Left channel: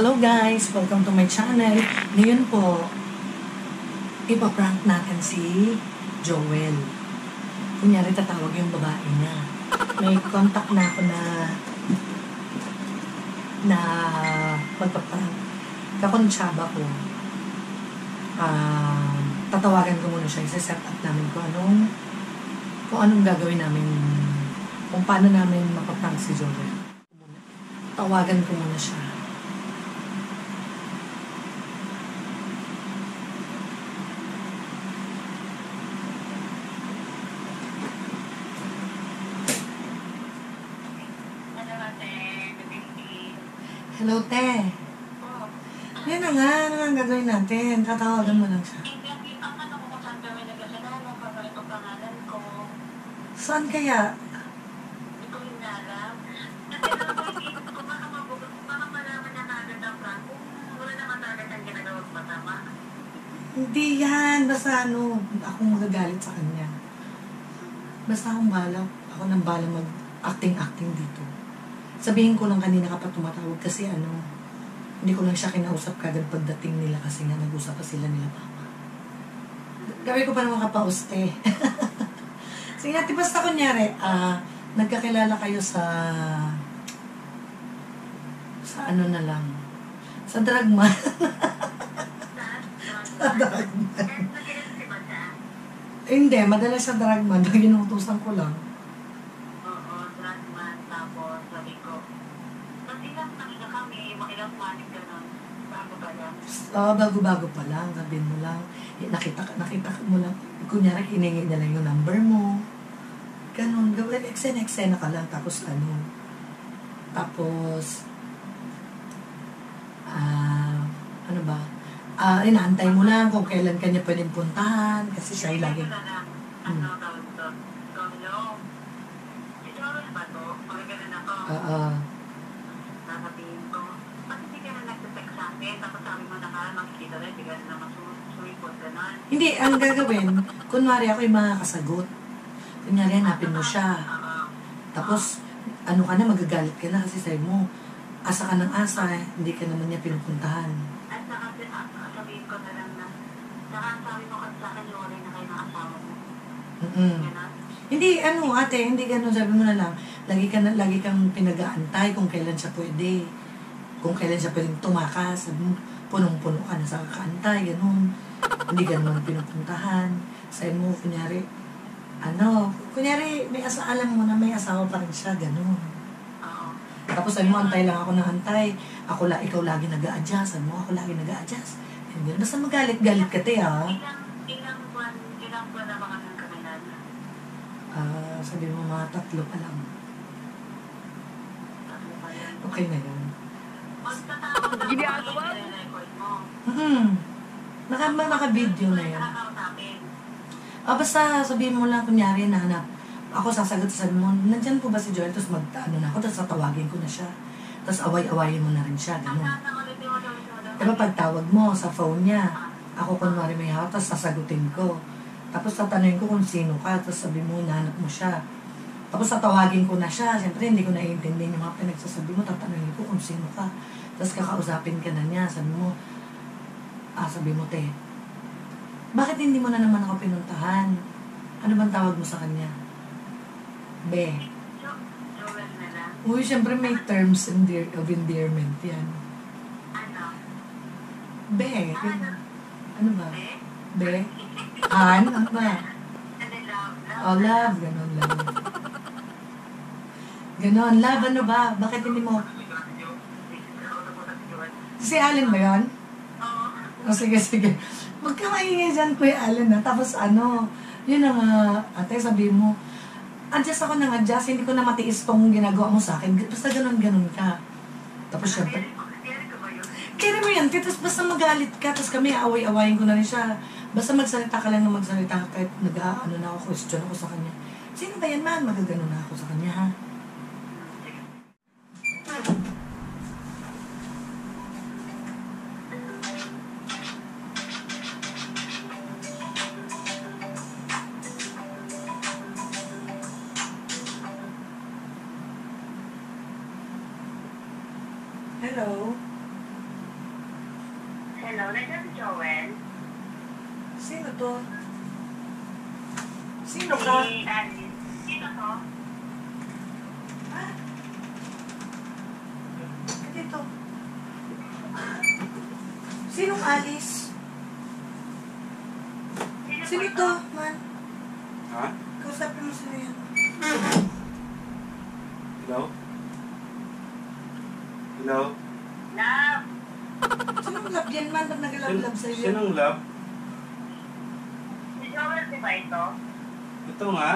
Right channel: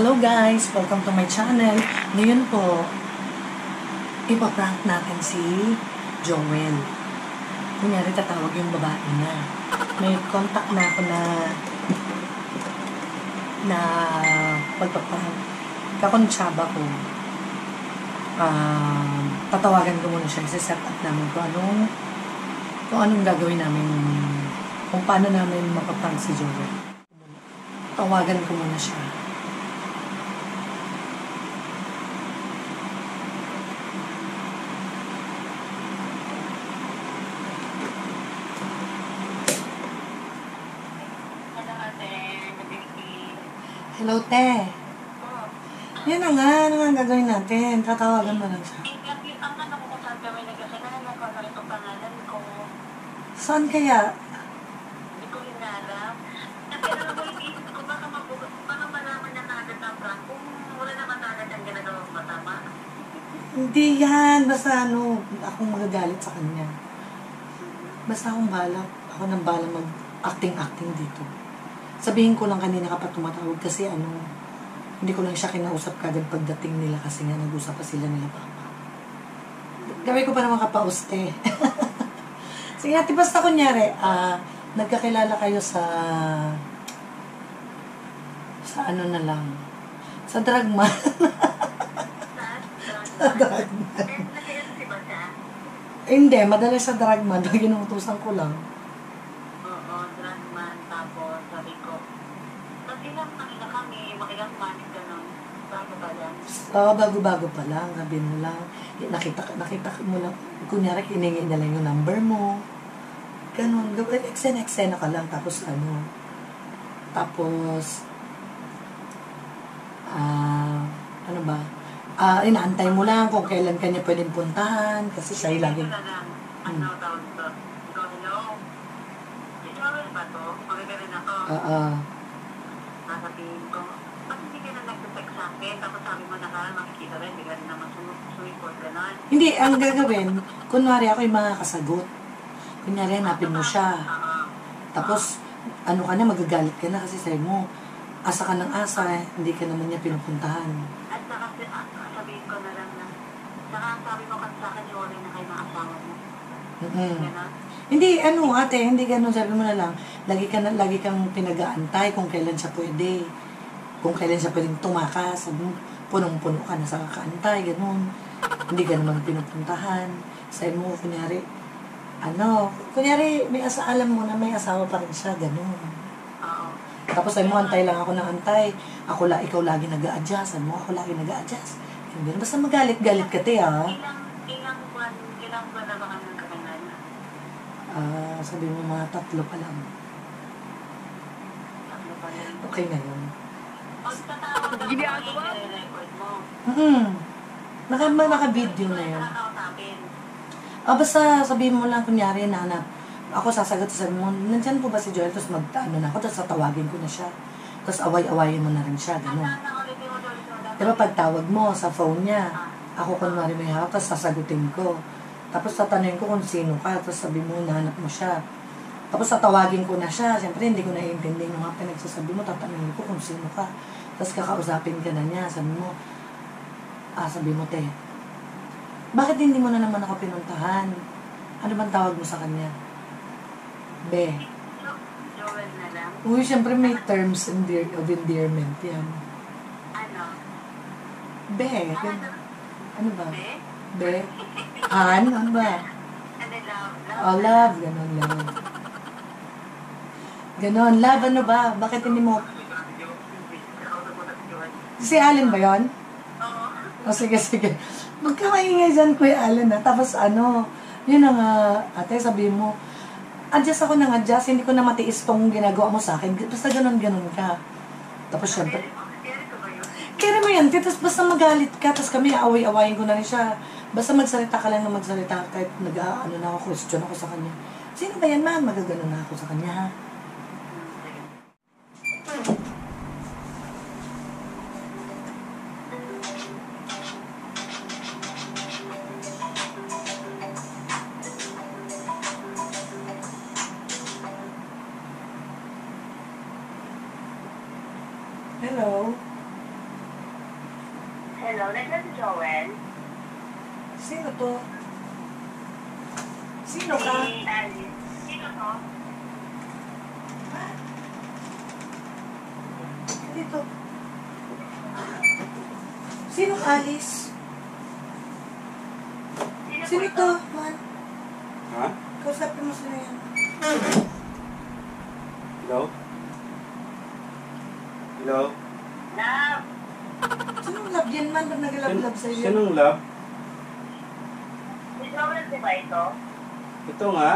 Hello guys! Welcome to my channel. Ngayon po, ipaprank natin si Joel. Kunyari tatawag yung babae niya. May contact na ako na magpaprank. Kakonsyaba ko. Tatawagan ko muna siya. Isa-set up namin kung anong gagawin namin, kung paano namin mapaprank si Joel. Tawagan ko muna siya. Hello, te. Yan na nga. Ano nga ang gagawin natin? Tatawagan mo lang siya. Ang ano ko kung saan kami nagkasalanan ko, ano itong pangalan ko. Saan kaya? Hindi ko hinarap. Pero naisip ko, baka malaman niya kaagad ng prank kung wala naman agad ang ginagawang matama. Hindi yan. Basta akong magagalit sa kanya. Basta akong bahala. Ako nang bahala mag-acting dito. Sabihin ko lang kanina kapag tumatawag kasi hindi ko lang siya kinausap kagad pagdating nila kasi nga nag-usap pa sila nila papa. Gawin ko pa naman kapauste. Sige natin, basta kunyari, nagkakilala kayo sa ano na lang, sa drugman. Sa drugman. Hindi, madalas sa drugman, ginutusan ko lang. Oo, drugman, tapos sabi ko, kasi lang kanina kami, makilang manik gano'n, bago pa lang. Bago-bago pa lang, sabihin mo lang, nakita mo lang, kunyari hiningi na lang yung number mo, ganun, eksena ka lang, tapos ano ba, inaantay mo lang kung kailan kanya pwedeng puntahan, kasi siya yung laging, ano tawag ito? Ikaw, hello? Ito ba to? Magagalan ako. Sasabihin ko, ba't hindi ka na nag-text sa akin? Tapos sabi mo na makikita rin, hindi ka rin naman sumipot, gano'n. Hindi, ang gagawin, kunwari ako yung makakasagot. Kunyari, hanapin mo siya. Tapos, ka na, magagalit ka na kasi sabi mo, asa ka ng asa, hindi ka naman niya pinupuntahan. At saka sabihin ko na lang na, saka sabi mo kasi sa akin, iwalay na kayo ng asawa mo. Gano'n? Hindi, ate, hindi ganun. Sabi mo na lang, lagi kang pinag-aantay kung kailan siya pwede. Kung kailan siya pwedeng tumakas. Sabi mo, punong-puno ka na sa kakaantay, ganun. Hindi ka naman pinupuntahan. Sabi mo, kunyari, alam mo na may asawa pa rin siya, ganun. Oo. Tapos sabi mo, antay lang ako ng antay. Ikaw lagi nag-a-adjust. Sabi mo, ako lagi nag-a-adjust. Basta magalit-galit ka, te, ha? Ilang buwan na ba kami nagkakilala? Sabi mo, mga 3 pa lang. 3 pa lang. Okay na yun. Pagtatawag na Ginagawa mo? i-record mo. Naka-video na yun. Nakakautapin. Basta sabihin mo lang, kunyari, nahanap. Ako sasagot, sabi mo, nandyan po ba si Joel? Tapos na ako, tapos tatawagin ko na siya. Tapos away-awayin mo na rin siya, gano'n. Diba pagtawag mo sa phone niya, ako kunwari may hawak, tapos sasagutin ko. Tapos tatanungin ko kung sino ka, tapos sabi mo, nahanap mo siya. Tapos tatawagin ko na siya, siyempre hindi ko naiintindihan yung mga pinagsasabi mo, tatanungin ko kung sino ka. Tapos kakausapin ka na niya, sabi mo, te, bakit hindi mo na naman ako pinuntahan? Ano bang tawag mo sa kanya? Be. Joel na lang. Uy, siyempre may terms of endearment yan. Ano? Be. Ano ba? Eh? Be? Ano ba? Ano love? Oh, love. Ganon, love. Ganon, love, ano ba? Bakit hindi mo? Si Allen ba yun? Oo. Sige. Magkamaingay dyan, Kuya Allen, ha? Tapos yun na nga, ate, sabihin mo, adjust ako ng adjust, hindi ko na matiis tong ginagawa mo sa akin. Basta ganon ka. Tapos syempre, kaya mo yan, tapos basta magalit ka, tapos kami, away-awayin ko na rin siya. Basta magsalita ka lang na magsalita, kahit question ako sa kanya. Sino ba yan, man? Magagano na ako sa kanya, ha? Hello? Hello, nandiyan si Joel. Sino to? Sino ka? Si Alice. Sino to? Dito. Sino Alice? Sino to, man? Ha? Kausapin mo sino yan. Hello? Hello? Love. Sinong love yan, man? Ba't nag-love-love sa'yo yan? Sinong love? Si Joel, di ba ito? Ito nga.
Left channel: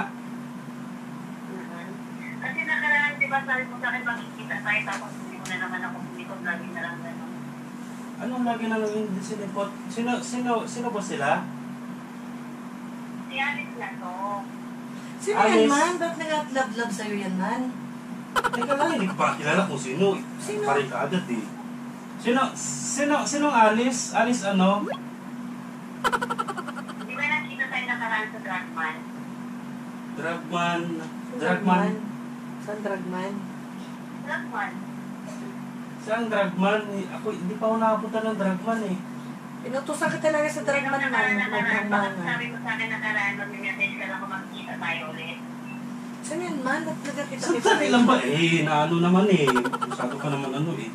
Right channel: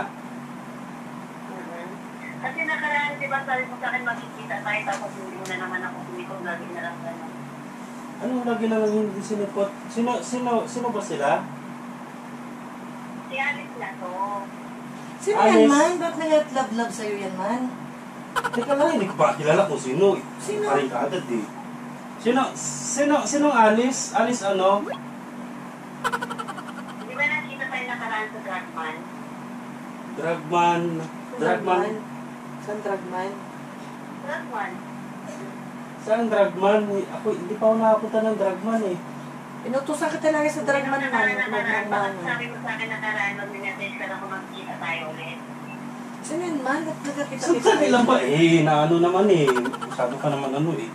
Kasi nakaraan, di ba, sabi mo sa akin makikita tayo tapos hindi mo na naman ako sumitong lagi na lang gano'n. Anong lagi na lang hindi sinipot? Sino ba sila? Si Alice na to. Sino Alice. yan, man? Ba't nag-love-love sa'yo yan, man? Teka lang, hindi ko pa kilala kung sino. Sino? Paring ka agad eh. Sinong Alice? Alice ano? Di ba nakita tayo nakaraan sa Dragman? Dragman. Saan dragman? Dragman. Saan Dragman? Ako, hindi pa ako nakapunta ng Dragman eh. Inutusan ka talaga sa dragman, man. Nakaraan, bakit Magdragman. sabi mo sa akin nakaraan, mag-message ka lang kung magkita tayo ulit. Sino yan, man? Ba't nagkakita-kita? Sandali lang ba? Eh, naano naman eh. Masyado ka naman ano eh.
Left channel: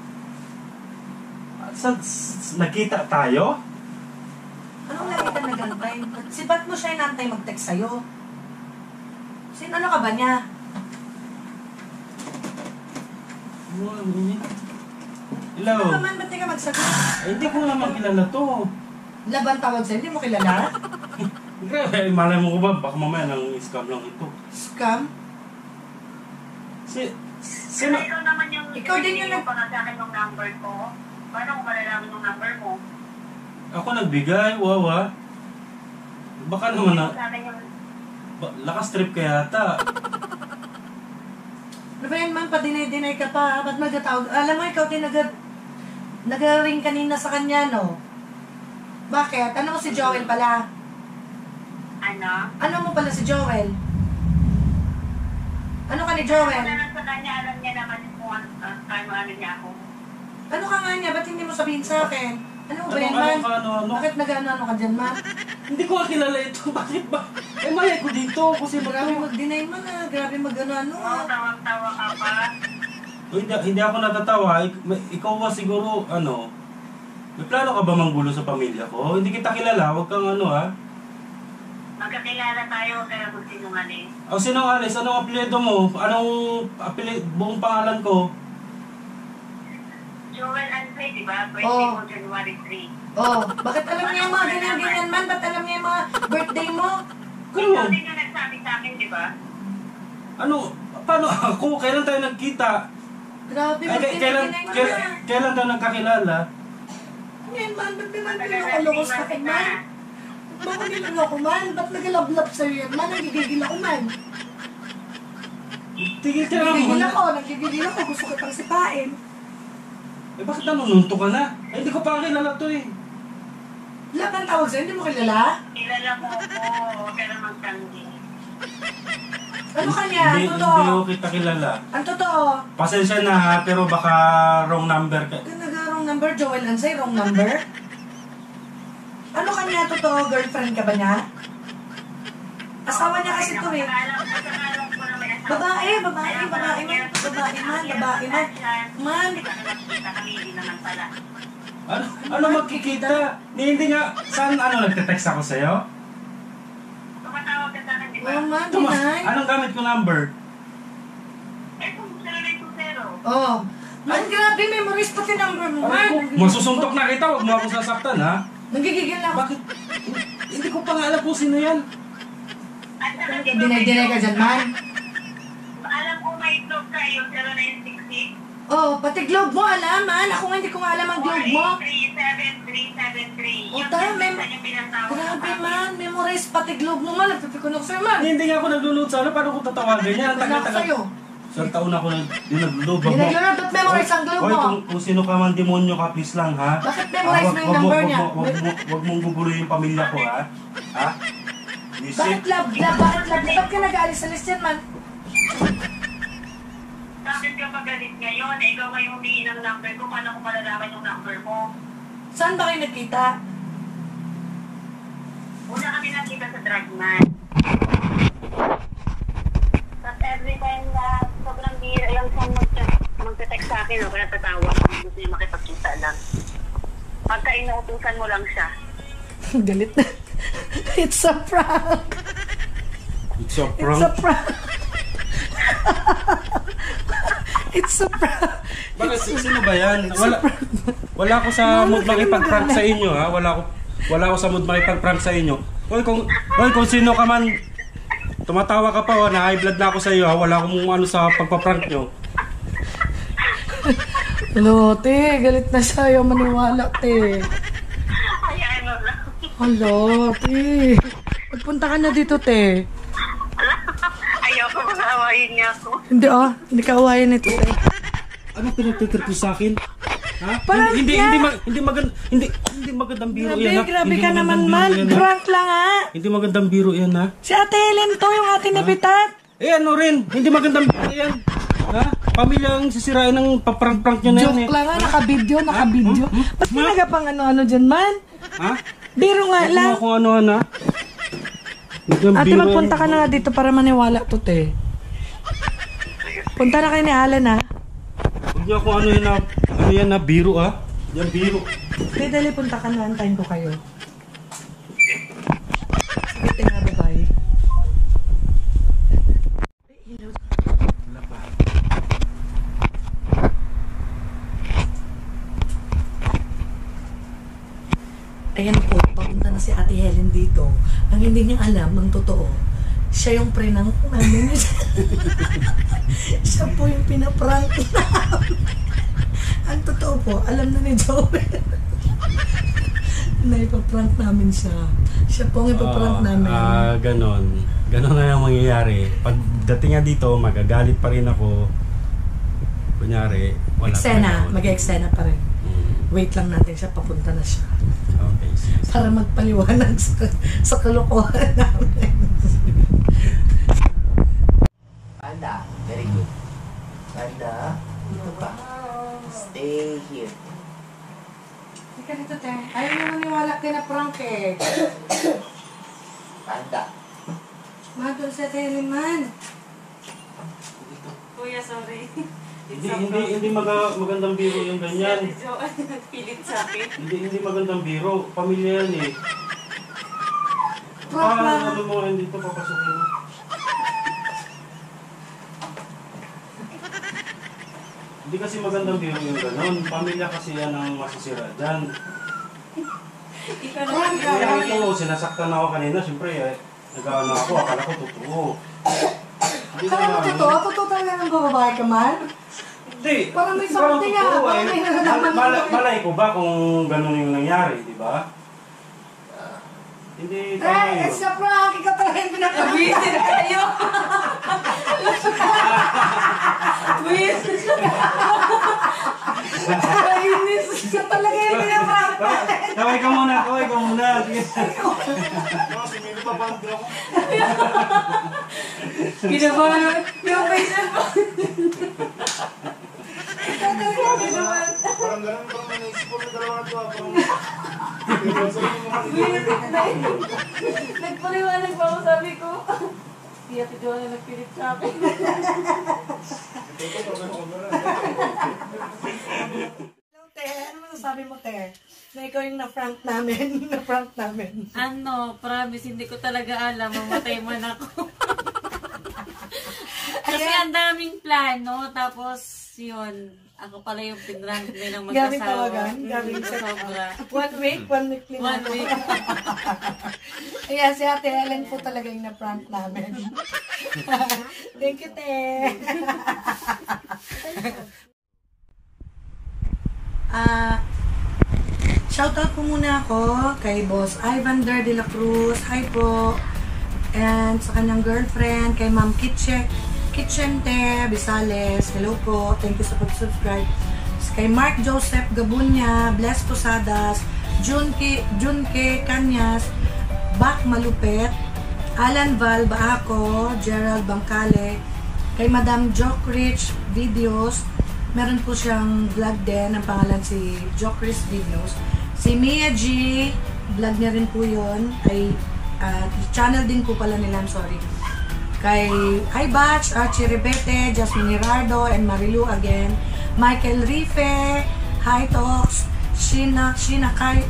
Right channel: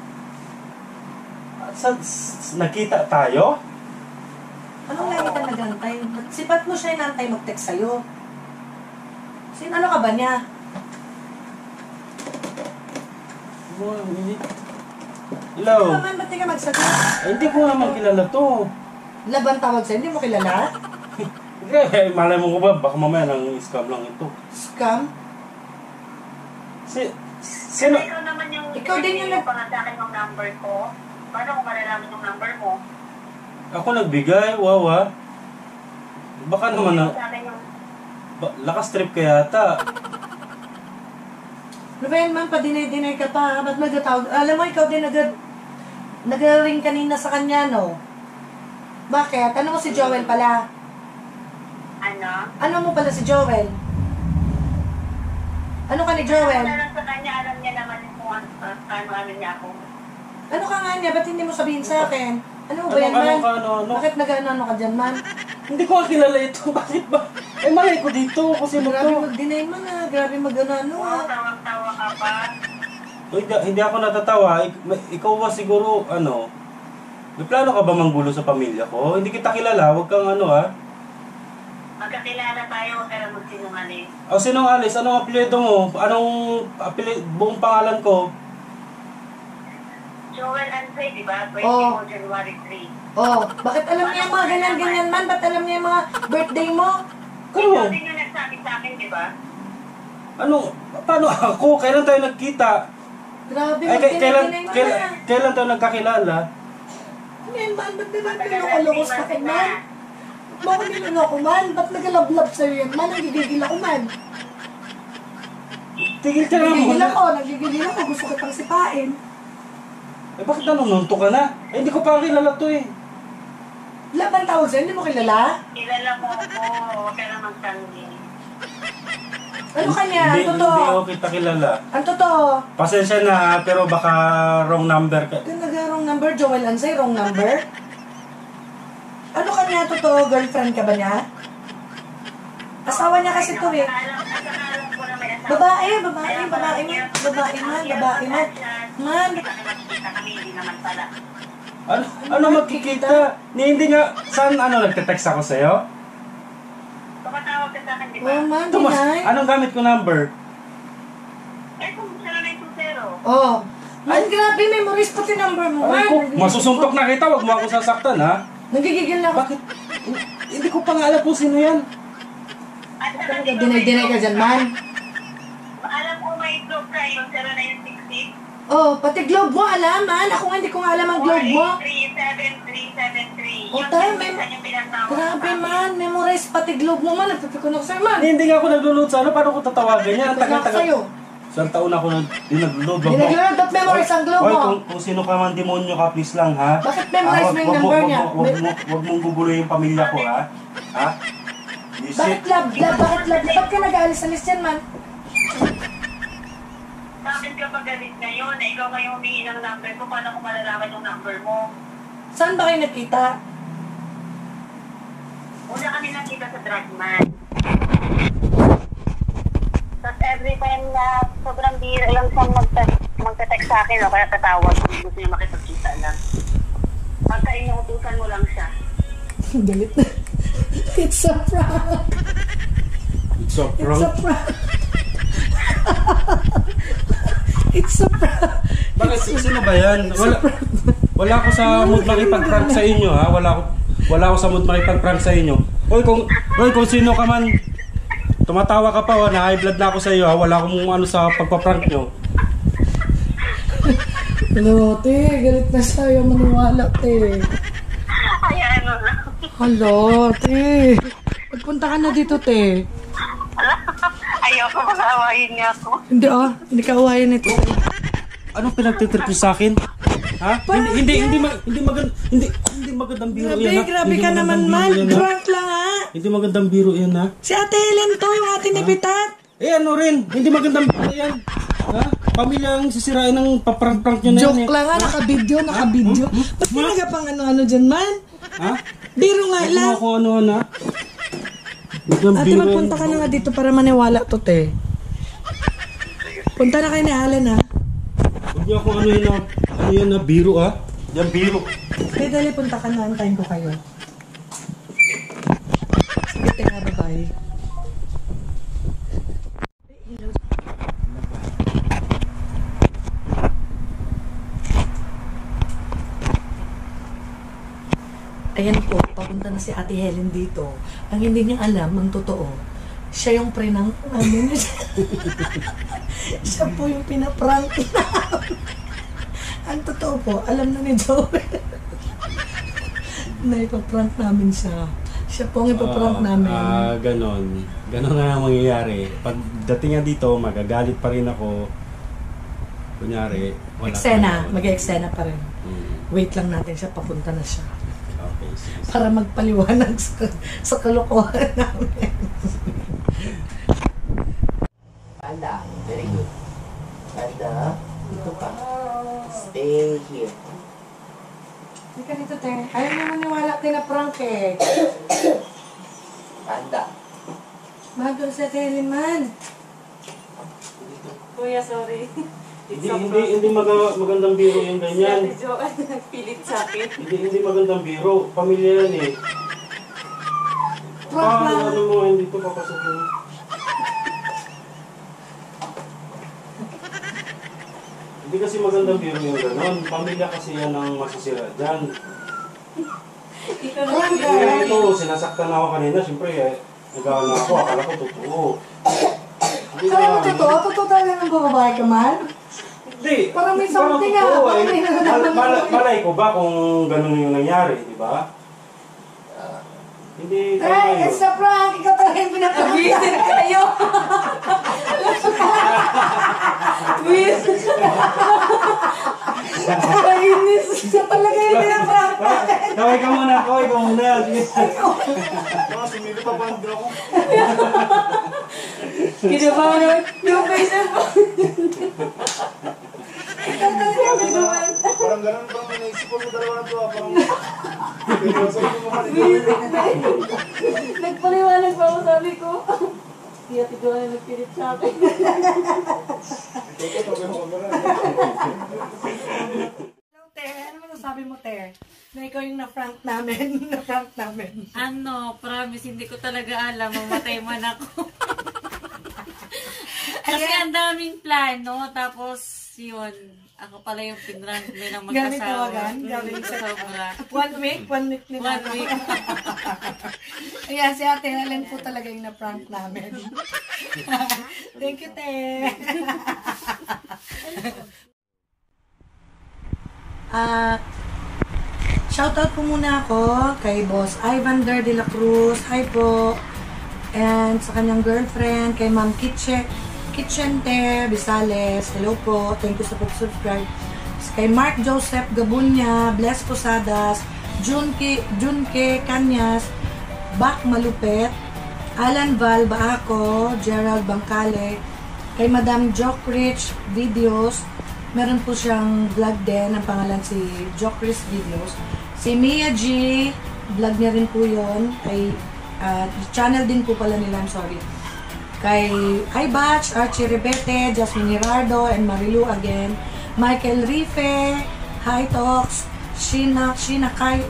Nagkita tayo? Anong lagi ka nagantay? Ba't mo siya inantay mag-text sa'yo? Ano ka ba niya? Hello? Ano naman, ba't di ka magsagot? Eh, hindi ko naman kilala to. Laban tawag sa'yo, hindi mo kilala? Eh, malay mo ko ba? Baka mamaya nang scam lang ito. Scam? Sino? Ikaw naman yung Ikaw din yung nag- pa nga sa akin yung number ko. Paano kung malalaman yung number mo? Ako nagbigay, wawa. Baka naman na... Sa akin yung... Lakas trip ka yata. Ano ba yan, man? Padinay-dinay ka pa. Ba't nagtatawag? Alam mo, ikaw din nag-ring kanina sa kanya, no? Bakit? Ano mo si Joel pala? Ano? Ano mo pala si Joel? Ano ka ni Joel? Ano lang sa kanya, alam niya naman kung ano niya ako. Ano ka nga niya? Ba't hindi mo sabihin sa akin? Ano ba yan, man? Ano? Bakit nag-ano ka dyan, man? Hindi ko kilala ito. Bakit ba? Eh, mali ko dito. Kasi Grabe mag-deny man, ha? Grabe mag-ano, ha? Tawag-tawa ka pa. Hindi ako natatawa. Ikaw ba siguro, ano? May plano ka ba manggulo sa pamilya ko? Hindi kita kilala. Huwag kang ano, ha? Magkakilala tayo, pero magsinungaling. O, sino Alice? Anong apelyido mo? Buong pangalan ko? Joel Ansay, di ba? Birthday Oh. mo January 3. Oh, bakit alam niya yung mga ganyan-ganyan, man? Ba't alam niya yung mga birthday mo? Ikaw din yung nagsabi sa akin, di ba? Ano? Paano ako? Kailan tayo nagkita? Grabe, Ay, mag-dinay man, ha? kailan tayo nagkakilala? Ano yan, man? Ba't niloloko sa akin, man? Bakit niloloko, man? Ba't nag-love-love sa'yo yan, man? Nagigigil ako, man. Tigil ka lang Nagigigil muna. ako. Gusto ko pang sipain. Eh, bakit nanununto ka na? Eh, hindi ko pa kilala to eh. Laban tawag sa'yo, hindi mo kilala? Kilala mo ako, huwag ka lang magtanggi. Ano kanya? Ang Hindi totoo? ko kita kilala. Ang totoo? Pasensya na ha, pero baka wrong number ka. Yung nag-wrong number, Joel Ansay, wrong number? Ano kanya? Totoo? Girlfriend ka ba niya? Asawa niya kasi to eh. Alam ko na may asawa. Babae man. Man, Kami, hindi naman pala. Ano magkikita? Hindi nga, saan nagte-text ako sa'yo? Tumatawag ka sa akin, di ba? oh man, Tumas, dinay. anong gamit ko number? Eh, kung 0920. Oh. Man, grabe, memories pati number mo, man. Ay ko, masusuntok na kita, wag mo ako sasaktan ha? Nagigigil na ako. Bakit? Hindi ko pa nga alam kung sino yan. At saka, di ba, Dinay-dinay ka dyan, man. alam ko may globe ka, yung 0966. Oh, pati globe mo, alam, man. Ako nga hindi ko nga alam ang globe mo. 437373. Oh, yung pinatawag Grabe, man. Memorize pati globe mo, man. Nagpipikon ako sa'yo, man. Hindi nga ako naglulod sana, paano ko tatawagan yan? Ang Nagpipikon ako sa'yo. Isang taon ako naglulod. Hindi naglulod, ba't memorize ang globe Hoy, mo? kung sino ka man demonyo ka, please lang ha? Bakit memorize mo yung number niya? Huwag mong gugulo yung pamilya ko ha? Ha? Bakit love? Bakit love? Ba't ka nag-aalis-alis yan, man? Bakit ka pagalit ngayon? Eh, ikaw ngayon humingi ng number ko. Paano ko malalaman yung number mo? Saan ba kayo nakita? Una kami nakita sa Dragman. Tapos every time na sobrang bira lang siyang magte-text sa akin, o kaya tatawag kung gusto niya makipagkita lang. Pagka inuutusan mo lang siya. Galit na. It's a prank. It's a It's prank. a prank. It's a prank. Bakit? Sino ba yan? Wala ako sa mood makipag-prank sa inyo, ha? Wala ako sa mood makipag-prank sa inyo. Hoy, kung sino ka man, tumatawa ka pa, na high blood na ako sa iyo, ha? Wala akong ano sa pagpa-prank nyo. Hello, te. Galit na siya. Ayaw maniwala, te. Ay, ano lang. Hello, te. Pagpunta ka na dito, te. Ayaw ko mag-awayin niya ako. Hindi, hindi ka awayan nito, te. Anong pinagtitrip mo sa akin? Ha? Parang Hindi magandang biro yan, ha? Grabe Hindi ka naman, magandang biro man. yan, ha? Prank lang, ha? Hindi magandang biro yan, ha? Si Ate Helen to, yung ating nabitat. Eh ano rin, hindi magandang biro yan. Ha? Pamilya ang sisirain ng paprank-prank nyo na yan. Joke lang, ha? Naka-video. Ba't ka nagapang ano-ano dyan, man? Ha? Biro nga Huwag lang. mo kung ano-ano, ha? Magandang Ate, biro magpunta ka na nga dito para maniwala to, te. Punta na kayo ni Alan, ha? Huwag niyo kung ano yan na biro, ha? Yan biro. Kaya dali, punta ka na. Antayin ko kayo. Sige, te nga, bye-bye. Ayan po, papunta na si Ate Helen dito. Ang hindi niya alam, ang totoo, siya yung prank namin. Siya po yung pinaprank namin. Ang totoo po, alam na ni Joel na ipaprank namin siya. Siya po ang ipaprank namin. Ganon. Ganon na ang mangyayari. Pagdating nga dito, magagalit pa rin ako. Kunyari, wala Eksena, mag-eksena pa rin. Mm. Wait lang natin siya, papunta na siya. Okay, sige. Para magpaliwanag sa kalokohan namin. Panda, very good. Panda, dito pa. Stay here. Hindi ka dito, te. Ayaw niya maniwala, te, na prank eh. Panda. Mahal si Ate Helen, man. Dito. Kuya, sorry. Hindi magandang biro yung ganyan. Si Ate Jo, nagpilit sa akin. Hindi magandang biro. Pamilya yan eh. Prank lang. Ano mo yan dito papasukin mo? Hindi kasi magandang biro yung gano'n. Pamilya kasi yan ang masisira dyan. Ikaw na Prank Kaya lang. ito, sinasaktan ako kanina. Siyempre nag-ano ako. Akala ko totoo. Hindi Alam mo, ano. totoo? Totoo talaga ng bababae ka, man? Hindi. Parang may something nga. Totoo, Parang may nagagawa. Malay ko ba kung gano'n yung nangyari, di ba? Hindi tayo It's a prank! Ikaw talaga yung pinapag-visit kayo! Kainis! Ikaw talaga yung pinaprank! Kaway ka muna. Sige. Kinabahan! Yung facial mo! Ikaw talaga yung kinabahan! Parang ganun bang naisip ko sa dalawa na to, parang Nagpaliwanag pa ako, sabi ko. Si Ate Jo na nagpilit sa akin. Hello, te. Ano masasabi mo, te? Na ikaw yung na-prank namin. Na-prank namin. Ano, promise, hindi ko talaga alam. Mamatay man ako. Kasi ang daming plano, tapos yun, ako pala yung pinrank din ng mag-asawa. Gamit tawagan? Gamit sobra. 1 week ni 1 week. Ayan, si Ate Helen po talaga yung na-prank namin. Thank you, te. Shoutout po muna ako kay Boss Ivander de la Cruz. Hi po. And sa kanyang girlfriend, kay Ma'am Kitchente Bisales. Hello po. Thank you sa pag-subscribe. Kay Mark Joseph Gabunya, Bless Posadas, Junke Kanyas, Bak Malupet, Alan Val Baako, Gerald Bangkale, kay Madam Joke Rich Videos. Meron po siyang vlog din, ang pangalan si Joke Rich Videos. Si Mia G, vlog niya rin po yun. Ay, channel din po pala nila, I'm sorry. Kay Batch, Archie Rebete, Jasmine Girardo, and Marilu again. Michael Rife, Hi Talks, Sheena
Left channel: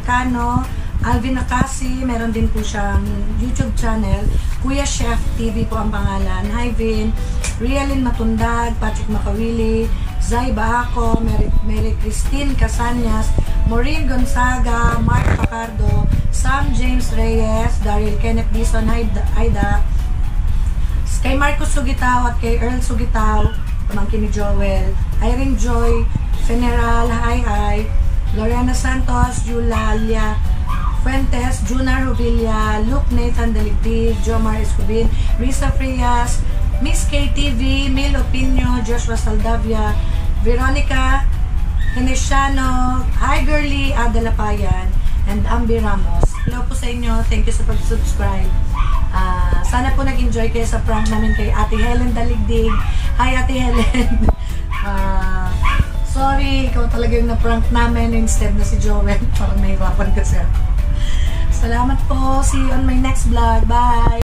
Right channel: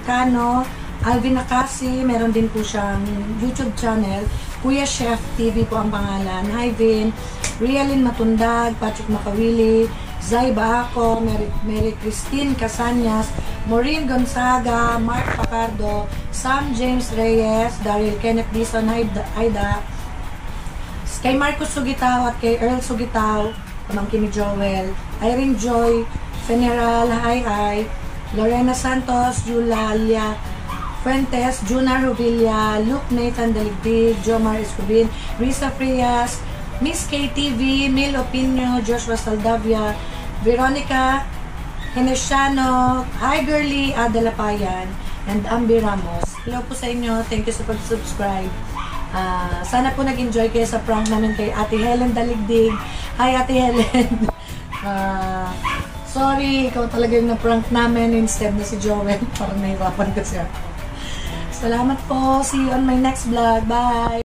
Kano, Alvin Nakasi, meron din po siyang YouTube channel. Kuya Chef TV po ang pangalan. Hi Vin, Rialyn Matundag, Patrick Makawili, Zay Baako, Mary Christine Casanyas, Maureen Gonzaga, Mark Pacardo, Sam James Reyes, Daryl Kenneth Dison, Aida, kay Marcos Sugitaw at kay Earl Sugitaw, pamangkin ni Joel, Irene Joy, General, hi, Lorena Santos, Eulalia Fuentes, Juna Rubilla, Luke Nathan Daligdig, Jomar Escobin, Risa Frias, Miss KTV, Mil Opinio, Joshua Saldavia, Veronica Henesiano, Hi Girly, Ada Lapayan, and Ambi Ramos. Hello po sa inyo. Thank you sa pag-subscribe. Sana po nag-enjoy kayo sa prank namin kay Ate Helen Daligdig. Hi Ate Helen. Sorry, ikaw talaga yung na-prank namin instead na si Joel. Parang nahirapan kasi ako. Salamat po. See you on my next vlog. Bye!